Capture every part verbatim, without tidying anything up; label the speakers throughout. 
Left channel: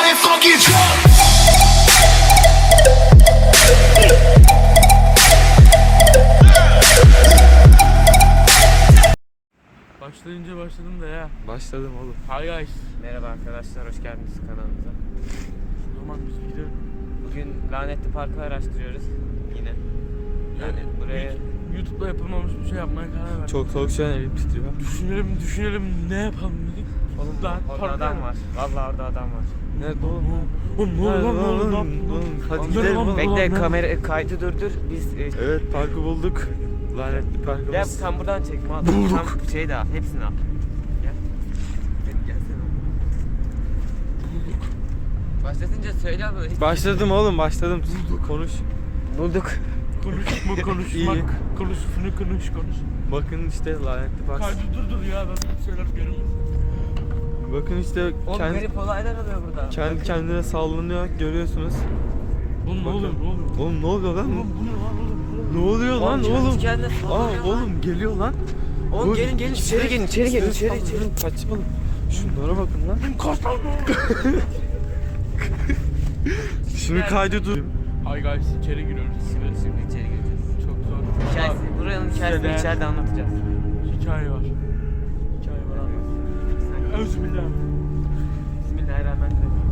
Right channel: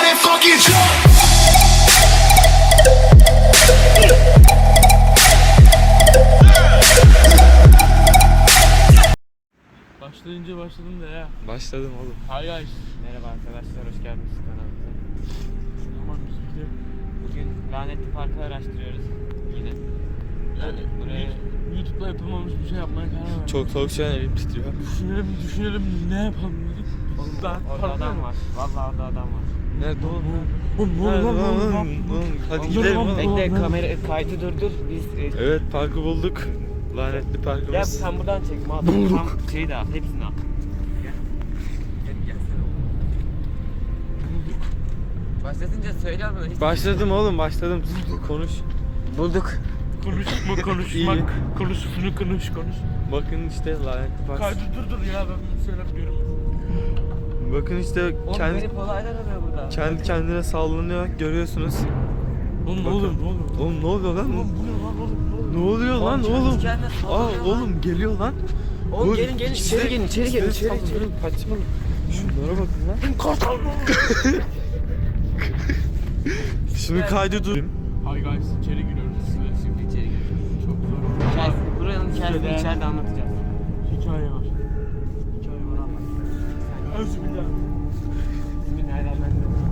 Speaker 1: get fucking drunk.
Speaker 2: Başlayınca başladım da ya.
Speaker 3: Başladım oğlum.
Speaker 2: Hi guys.
Speaker 4: Merhaba arkadaşlar, hoş geldiniz kanalımıza.
Speaker 2: Aman biz
Speaker 4: Bugün lanetli parkı araştırıyoruz yine. Yani buraya
Speaker 2: YouTube'da yapılmamış bir şey yapmaya karar verdik.
Speaker 3: Çok soğuk şu an elim titriyor.
Speaker 2: Düşünelim düşünelim ne yapalım dedik.
Speaker 4: oğlum
Speaker 2: Daha
Speaker 4: orada
Speaker 2: parkta
Speaker 4: adam
Speaker 2: mı?
Speaker 4: var. Vallahi orada adam var.
Speaker 3: Nerede oğlum?
Speaker 2: Oğlum ne oluyor lan ne oluyor lan?
Speaker 3: Hadi
Speaker 2: Oğlum,
Speaker 3: gidelim
Speaker 2: oğlum,
Speaker 3: oğlum.
Speaker 2: bekle.
Speaker 4: Bekle kamera kaydı durdur. Biz e,
Speaker 3: Evet, parkı bulduk. Lanetli
Speaker 4: gel
Speaker 3: parkımız.
Speaker 4: sen buradan çek mal. Tam şey de al, hepsini al. Gel. Gel gelsene oğlum.
Speaker 2: Bulduk.
Speaker 4: Başlatınca söyle ama hiç.
Speaker 3: Başladım oğlum, başladım. Konuş.
Speaker 4: Bulduk.
Speaker 2: Konuşma konuşmak.
Speaker 3: İyi.
Speaker 2: Konuşsunu konuş konuş.
Speaker 3: Bakın işte lanetli park.
Speaker 2: Kaydı dur dur ya ben bir şeyler görüyorum.
Speaker 3: Bakın işte
Speaker 4: Oğlum
Speaker 3: kendi
Speaker 4: garip olaylar oluyor burada.
Speaker 3: kendi kendine sallanıyor, görüyorsunuz.
Speaker 2: Oğlum ne
Speaker 3: Bakın.
Speaker 2: oluyor ne oluyor?
Speaker 3: Oğlum ne oluyor lan?
Speaker 2: Oğlum bu ne lan oğlum?
Speaker 3: Ne oluyor lan
Speaker 4: Oğlum,
Speaker 3: oğlum?
Speaker 4: kendi kendine
Speaker 3: Aa
Speaker 4: sallanıyor lan.
Speaker 3: oğlum geliyor lan.
Speaker 4: Oğlum
Speaker 3: Bu-
Speaker 4: gelin gelin içeri gelin içeri gelin içeri içeri.
Speaker 3: Saçmalık. Şunlara bakın lan. Şunu kaydı dur.
Speaker 2: Hi guys içeri giriyoruz.
Speaker 4: Şimdi, şimdi içeri gireceğiz.
Speaker 2: Çok zor.
Speaker 4: Hikayesini, buranın hikayesini
Speaker 2: Şeyde-
Speaker 4: içeride anlatacağız.
Speaker 2: Hikaye var. Hikaye var abi. Özbillah.
Speaker 4: Bismillahirrahmanirrahim.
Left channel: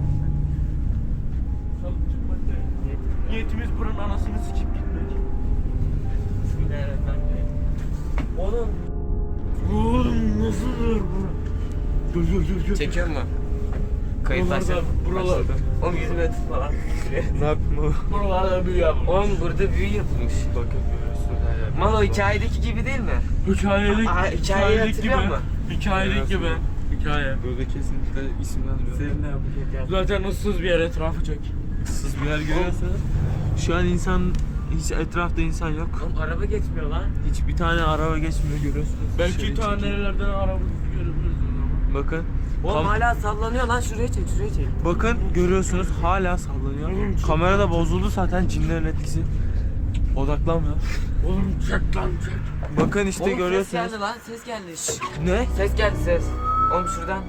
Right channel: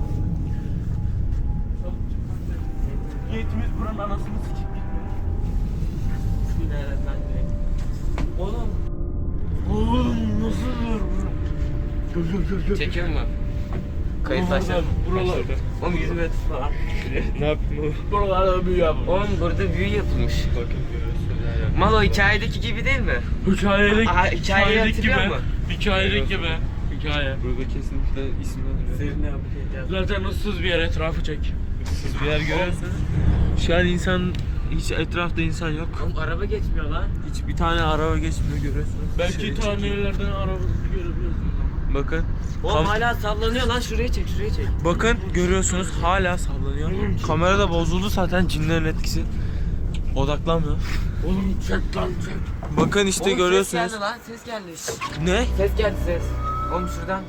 Speaker 2: Niyetimiz buranın anasını sikip gitmek.
Speaker 4: Bismillahirrahmanirrahim. Oğlum.
Speaker 2: Oğlum nasıl dur bu? Gel gel gel gel.
Speaker 4: Çekiyor mu? Kayıt
Speaker 2: Buralar-
Speaker 4: başladı.
Speaker 2: buralar-
Speaker 4: Başladı. Oğlum yüzüme tutma lan.
Speaker 3: Ne yaptın oğlum?
Speaker 2: Buralarda büyü yapmış.
Speaker 4: Oğlum burada büyü yapılmış.
Speaker 3: Bakın görüyorsunuz her yerde.
Speaker 4: Mal o hikayedeki gibi değil mi?
Speaker 2: Hikayelik,
Speaker 4: Aa, hikayeyi hatırlıyor musun?
Speaker 2: Hikayelik gibi.
Speaker 3: Görüyorsunuz.
Speaker 2: Hikaye.
Speaker 3: Burada kesinlikle isimler
Speaker 4: Senin ne yapacak?
Speaker 2: Zaten ıssız bir yer etrafı çek.
Speaker 3: Siz bir yer görüyorsanız şu an insan hiç etrafta insan yok.
Speaker 4: Oğlum araba geçmiyor lan.
Speaker 3: Hiç bir tane araba geçmiyor görüyorsunuz.
Speaker 2: Belki
Speaker 3: Dışarı
Speaker 2: ta
Speaker 3: çekiyor.
Speaker 2: nerelerden araba görebiliyoruz o zaman.
Speaker 3: Bakın.
Speaker 4: Oğlum
Speaker 3: Kam-
Speaker 4: hala sallanıyor lan, şuraya çek şuraya çek.
Speaker 3: Bakın görüyorsunuz hala sallanıyor.
Speaker 2: Oğlum, çek.
Speaker 3: Kamera da bozuldu zaten, cinlerin etkisi. Odaklanmıyor.
Speaker 2: Oğlum çek lan çek.
Speaker 3: Bakın işte
Speaker 4: Oğlum
Speaker 3: görüyorsunuz.
Speaker 4: ses geldi lan, ses geldi. Şşş.
Speaker 3: Ne?
Speaker 4: Ses geldi ses. Oğlum şuradan.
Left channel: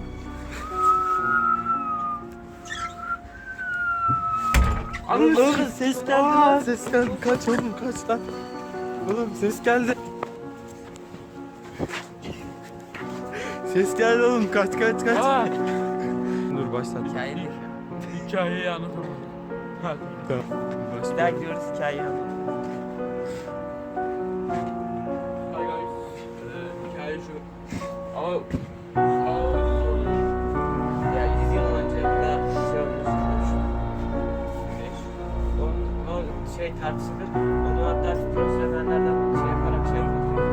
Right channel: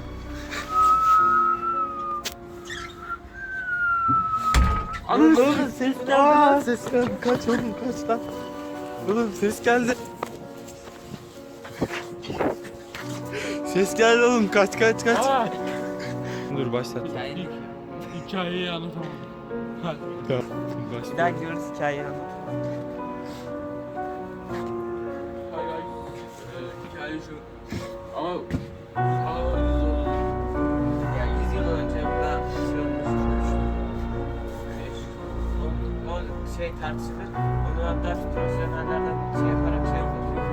Speaker 3: Oğlum, oğlum ses geldi lan. Ses geldi. Kaç oğlum kaç lan. Oğlum ses geldi. Ses geldi oğlum, kaç kaç kaç.
Speaker 2: Aa,
Speaker 3: Dur başlat.
Speaker 4: Hikayeyi.
Speaker 2: hikayeyi anlatamadım. Hadi.
Speaker 3: Tamam.
Speaker 4: Bir daha gidiyoruz hikayeyi anlat.
Speaker 2: Hi guys. Ee, hikaye şu. Ama sağ
Speaker 4: Ya yüz yıl önce burada şey olmuş. Güneş. O, o şey tartışılır. Onu hatta profesyonellerden şey yaparak şey yapıyor.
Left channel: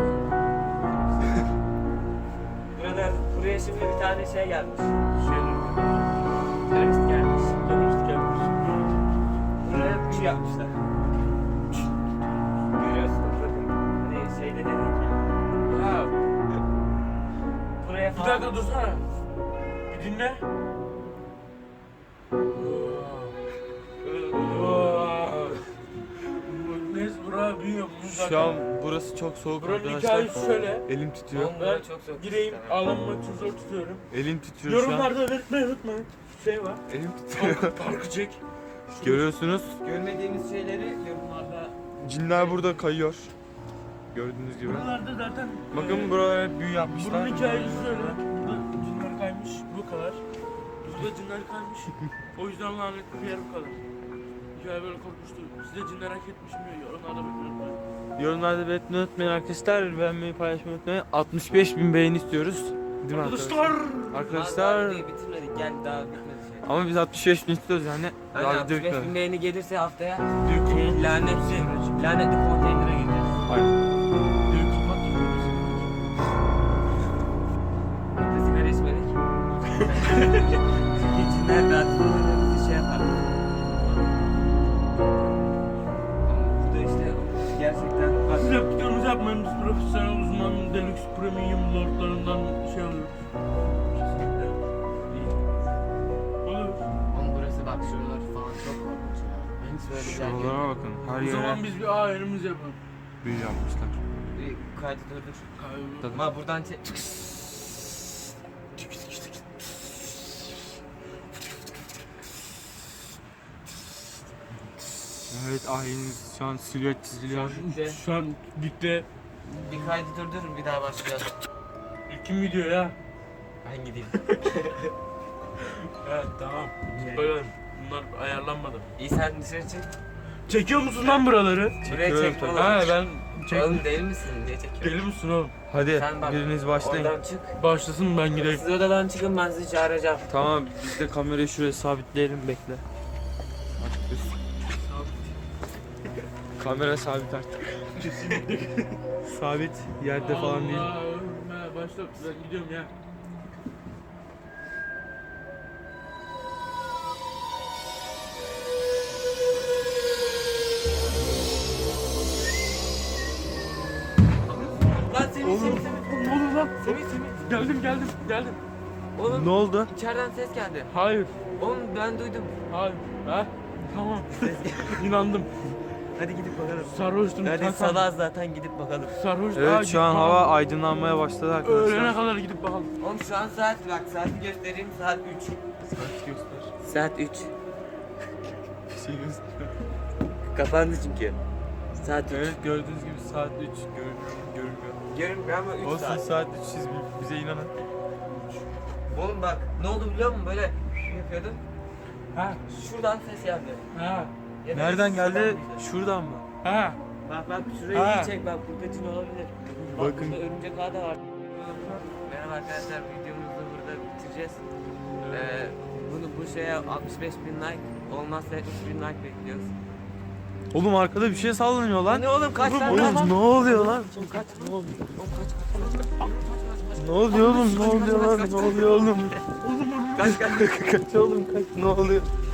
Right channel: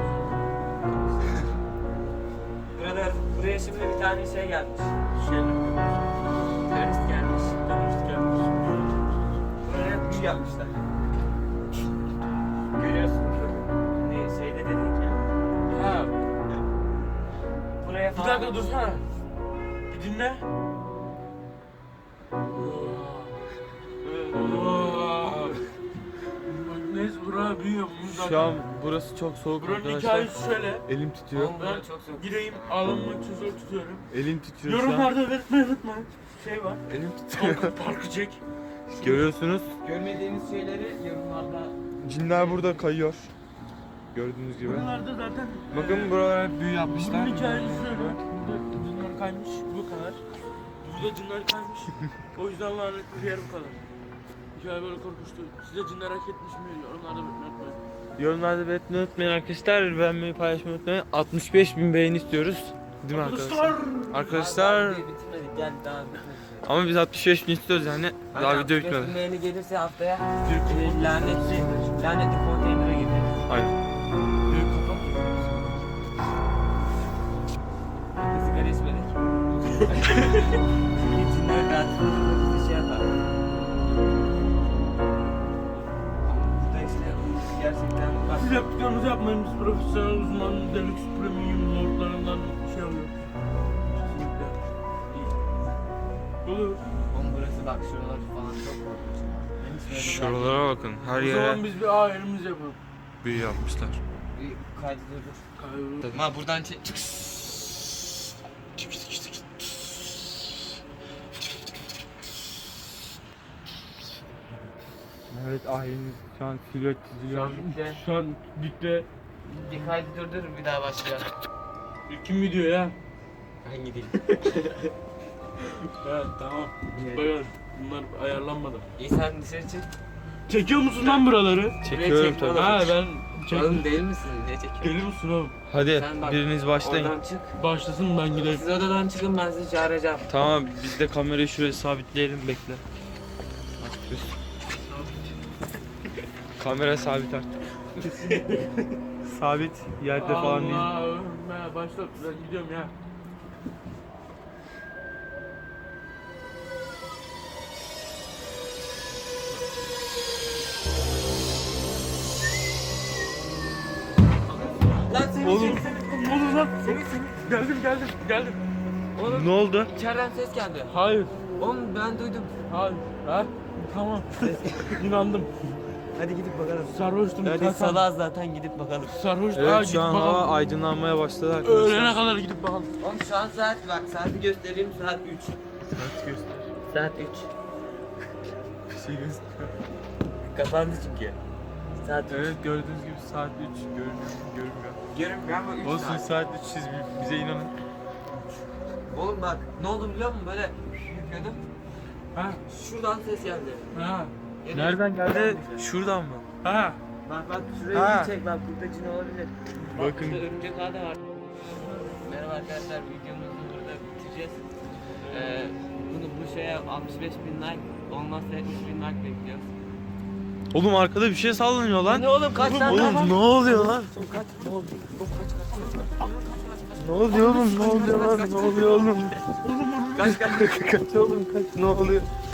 Speaker 4: Burada, buraya şimdi bir tane şey gelmiş.
Speaker 2: şeyler
Speaker 4: Terörist gelmiş.
Speaker 2: terörist gelmiş.
Speaker 4: Buraya büyü yapmışlar. Görüyorsunuz bakın. Hani şeyde dedik ya.
Speaker 2: Ha,
Speaker 4: Buraya
Speaker 2: bir
Speaker 4: falan.
Speaker 2: dakika dursana. Bir dinle. Neyse buraya büyü yapmış zaten.
Speaker 3: Şu an burası çok soğuk
Speaker 2: Buranın
Speaker 3: arkadaşlar.
Speaker 2: hikayesi şöyle.
Speaker 3: Elim titriyor.
Speaker 4: Oğlum,
Speaker 2: Ben
Speaker 4: çok zor.
Speaker 2: gireyim ağlanmak için zor tutuyorum.
Speaker 3: Elim titriyor şu an.
Speaker 2: Yorumlarda belirtmeyi unutmayın. Şey var.
Speaker 3: Elim titriyor.
Speaker 2: Parkı, parkı çek.
Speaker 3: Görüyorsunuz.
Speaker 4: Görmediğiniz şeyleri yorumlarda.
Speaker 3: Cinler burada kayıyor. Gördüğünüz gibi.
Speaker 2: Buralarda zaten
Speaker 3: Bakın
Speaker 2: e,
Speaker 3: buralara hep büyü yapmışlar.
Speaker 2: bunun hikayesi
Speaker 3: Gördüğünüz
Speaker 2: şöyle.
Speaker 3: gibi.
Speaker 2: Burada cinler kaymış bu kadar. Burada cinler kaymış. O yüzden lanetli bir yer bu kadar. Hikaye böyle korkunçtu. Size cinler hak etmiş mi? Yorumlarda belirtmeyi unutmayın.
Speaker 3: Yorumlarda belirtmeyi unutmayın arkadaşlar. Beğenmeyi, paylaşmayı unutmayın. altmış beş bin beğeni istiyoruz. Değil mi arkadaşlar?
Speaker 2: Arkadaşlar.
Speaker 3: Arkadaşlar.
Speaker 4: Daha bitirmedik, gel daha bitmedi.
Speaker 3: Ama biz altmış beş bin istiyoruz yani. Daha video bitmedi.
Speaker 4: Beğeni gelirse haftaya
Speaker 2: Bir
Speaker 4: e, lanetli, lanetli konteynere gireceğiz.
Speaker 3: Aynen.
Speaker 2: Bir kapat
Speaker 4: Biz de sigara içmedik. Çünkü cinler de artık burada bizi şey yapar. Ama burada işte gerçekten bak.
Speaker 2: Siz hep videonuzu yapmayın. Biz profesyonel uzman deluxe premium lordlarından şey alıyoruz. Kesinlikle. İyi. Olur.
Speaker 4: Oğlum burası bak şuralar falan çok korkunç ya. Ben hiç böyle bir yer
Speaker 3: Şuralara bakın. Her
Speaker 2: O
Speaker 3: yere
Speaker 2: zaman biz bir A elimiz yapalım.
Speaker 3: büyü yapmışlar.
Speaker 4: görmedim. Bir kaydı durdur.
Speaker 2: Hayır.
Speaker 4: Ma buradan çek.
Speaker 3: Evet ayımız şu an silüet çiziliyor.
Speaker 4: Bitti.
Speaker 2: Şu an dikte.
Speaker 4: Bir kaydı durdur bir daha başlayalım.
Speaker 2: Kim video ya?
Speaker 4: Ben gideyim.
Speaker 2: Evet tamam. Bakalım. Bunlar ayarlanmadı.
Speaker 4: İyi sen dışarı çık.
Speaker 2: Çekiyor musun lan buraları?
Speaker 3: Çekiyorum
Speaker 4: çek
Speaker 3: tabii.
Speaker 4: oğlum.
Speaker 2: Ha ben çek.
Speaker 4: Oğlum değil misin? Ne çekiyorsun?
Speaker 2: Deli misin oğlum?
Speaker 3: Hadi
Speaker 4: Sen bak,
Speaker 3: biriniz başlayın.
Speaker 4: Oradan çık.
Speaker 2: Başlasın ben gideyim.
Speaker 4: Siz odadan çıkın ben sizi çağıracağım.
Speaker 3: Tamam biz de kamerayı şuraya sabitleyelim bekle. Kamera sabit artık. Sabit yerde falan değil.
Speaker 2: Allah'ım ya başla ben gidiyorum ya.
Speaker 4: Lan Semih
Speaker 3: Oğlum.
Speaker 4: Semih Semih.
Speaker 2: Ne olur lan?
Speaker 4: Semih Semih.
Speaker 2: Geldim geldim geldim.
Speaker 4: Oğlum
Speaker 3: Ne oldu?
Speaker 4: içeriden ses geldi.
Speaker 2: Hayır.
Speaker 4: Oğlum ben duydum.
Speaker 2: Hayır. Ha? Tamam. İnandım.
Speaker 4: Hadi gidip bakalım.
Speaker 2: Sarhoştum.
Speaker 4: Hadi
Speaker 2: kalkan.
Speaker 4: salaz zaten gidip bakalım.
Speaker 2: Sarhoştum. Ha,
Speaker 3: Evet
Speaker 2: gidip
Speaker 3: şu an
Speaker 2: bakalım.
Speaker 3: hava aydınlanmaya başladı
Speaker 2: Öğlene
Speaker 3: arkadaşlar.
Speaker 2: kadar gidip bakalım.
Speaker 4: Oğlum şu an saat bak saati göstereyim saat üç.
Speaker 3: Saat göster.
Speaker 4: Saat üç.
Speaker 3: Bir şey göster.
Speaker 4: Kapandı çünkü. Saat üç.
Speaker 3: Evet gördüğünüz gibi saat üç görünüyor mu? Görünmüyor.
Speaker 4: Görünmüyor ama üç
Speaker 3: Olsun
Speaker 4: saat.
Speaker 3: saat üç siz bize inanın.
Speaker 4: Oğlum bak ne oldu biliyor musun böyle yapıyordum.
Speaker 2: Ha?
Speaker 4: Şuradan ses geldi.
Speaker 2: Ha?
Speaker 4: Ya da
Speaker 3: Nereden
Speaker 4: şuradan
Speaker 3: geldi?
Speaker 4: mıydı?
Speaker 3: Şuradan mı?
Speaker 2: Ha?
Speaker 4: Bak bak şurayı
Speaker 2: Ha.
Speaker 4: iyi çek bak burada cin olabilir.
Speaker 3: Bakın.
Speaker 4: Burada örümcek ağı da var. Merhaba arkadaşlar videomuzu burada bitireceğiz. Ee, bunu bu şeye altmış beş bin like olmazsa yetmiş bin like bekliyoruz.
Speaker 3: Oğlum arkada bir şey sallanıyor lan.
Speaker 4: Ne oğlum kaç tane?
Speaker 3: Oğlum ne oluyor lan?
Speaker 4: Ne oldu?
Speaker 3: Ne oluyor oğlum? Ne oluyor lan? Ne oluyor oğlum?
Speaker 4: Kaç kaç.
Speaker 3: Kaç oğlum kaç. Ne oluyor?